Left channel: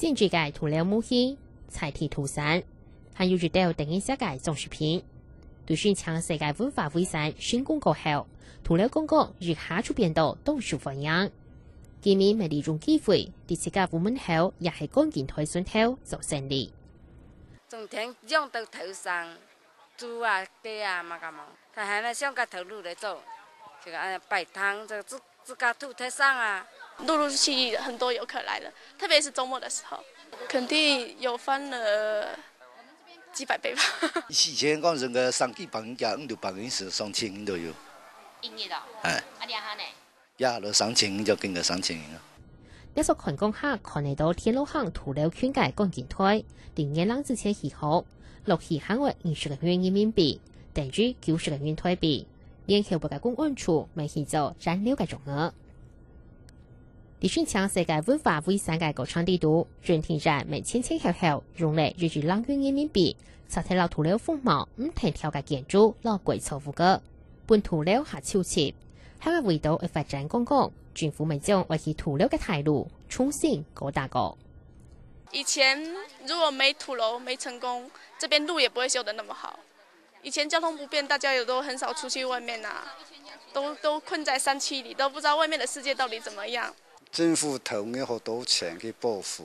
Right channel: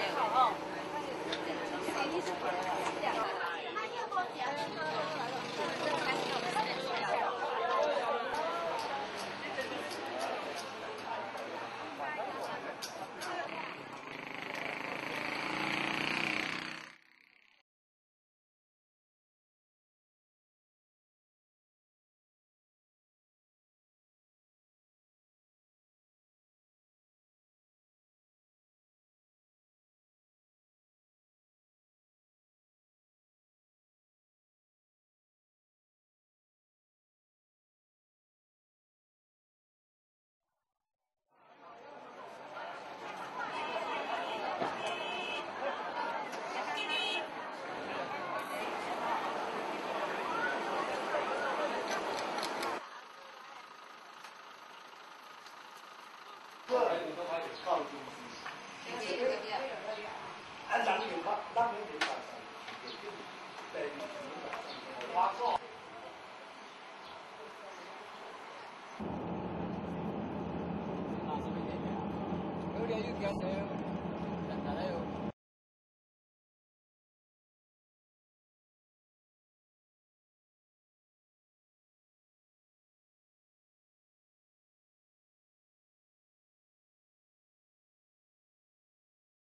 政治界涂料木器、彩体涂山，还有热到第一世界总视频。如宣称世界文化遗产新冠过后，涂料公告如下出变到东树欢迎。今年咪利用機會，第四屆部門後也係關鍵推選後做勝利。從田用到頭上，豬啊雞啊嘛咁嘛，但係呢上個頭路嚟做，這個擺攤這自家土台上啊，陸陸續續很多遊客來了，特別是週末的時候，肯定有翻了幾百倍吧。以前講成個3幾百人加500人是2000都有。營業咯。係。啊，兩下呢？呀，到3000就經過3000人咯。一所群公客看嚟到天路巷塗料圈界關鍵台，連夜冷之前起好，落起限額50個元人民幣，等於90個元台幣。連後部嘅公安處未起做佔6個鐘額。啲宣稱世界文化遺產嘅歌唱地圖，專題站未千千條後，用嚟入住2元人民幣，實體落塗料風貌唔停跳嘅建築落貴錯誤嘅，半塗料下超前。香港味道嘅發展公告，政府未將維持塗料嘅態度重新搞大個。以前如果沒土樓沒成功，這邊路也不會修得那麼好。以前交通不便，大家也都很少出去外面啊，都困在山區裡，都不知道外面的世界到底怎麼樣。政府投咗好多錢去保護，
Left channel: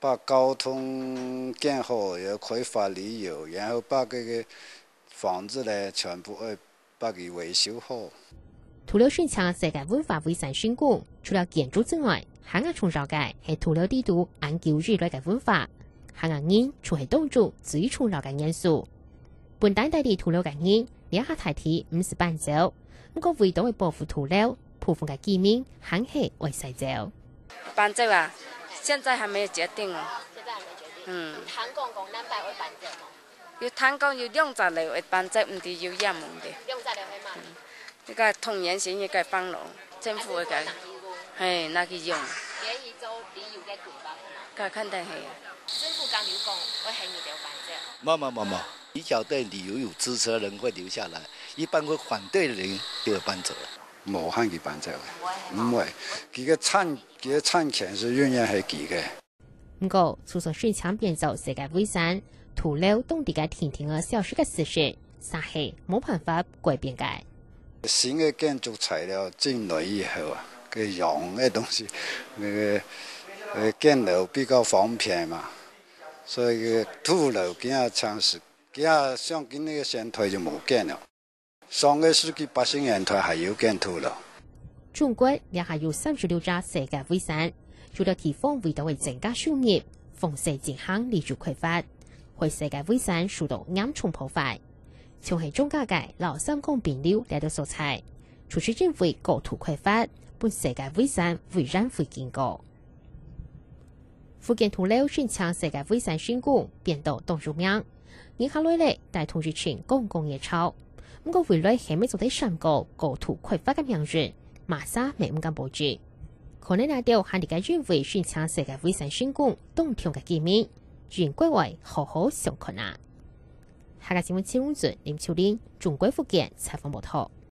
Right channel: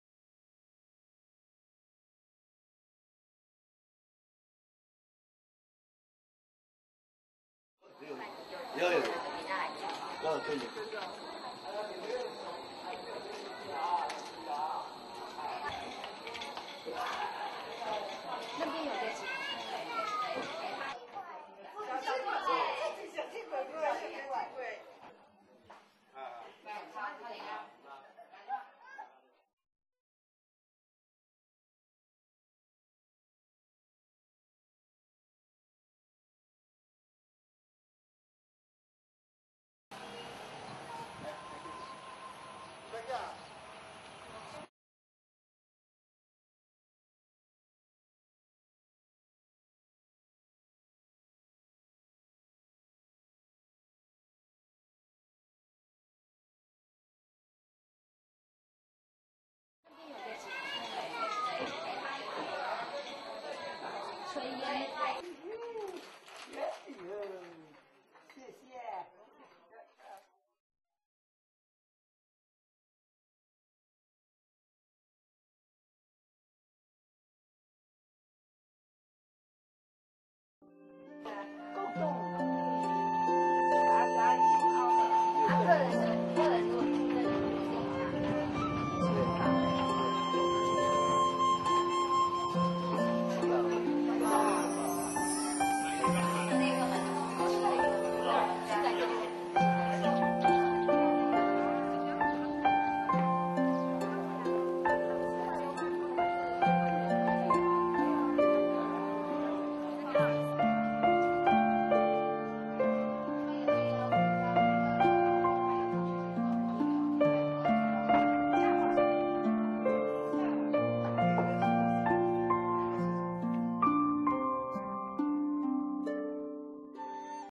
把交通建好，又開發旅遊，然後把嗰個房子呢全部把佢維修好。塗料宣稱世界文化遺產選股，除了建築之外，香港重要嘅係塗料地圖研究人類嘅文化，香港人除係當中最重要嘅元素。本地大地塗料嘅人也下提提50伴奏，不過為到去保護塗料，部分嘅居民肯係為細奏。伴奏啊，現在還沒有決定哦。現在還沒決定。談講南北為伴奏嘛？要談講要兩隻嚟為伴奏，唔係要一門嘅。兩隻嚟係嘛？呢個同源線呢個幫路，政府嘅係那個用。佢肯定係。政府講要講，我係你哋有伴奏。冇，比較對旅遊有支持的人會留下來，一般會反對的人就會搬走了。冇肯佢搬走嘅，唔會。佢嘅產權是永遠係佢嘅。不過，就算宣稱變做世界遺產，塗料當地嘅天天嘅消失嘅事實，實係冇辦法改變嘅。新嘅建築材料進來以後啊，佢用嘅東西，那個建樓比較方便嘛，所以個土樓佢下嘗試，佢下想建那個現代就冇建了。上個世紀80年代還有建土樓。中國也係有36家世界遺產，除了地方味道嘅增加收入，豐盛健康連續開發，為世界遺產受到嚴重破壞。從係中價嘅老三公變料帶到素材，除是認為高土開發，對世界遺產會讓會警告。福建塗料宣稱世界遺產選股變到東中央，銀行內咧大同日前公共熱炒，不過回來係咪做啲上高土開發嘅標準，馬上未唔敢保證。可能那條係你嘅認為宣稱世界遺產選股東條嘅機密，原歸為好好上困難。下個新聞節目林秋玲，中國福建採訪報道。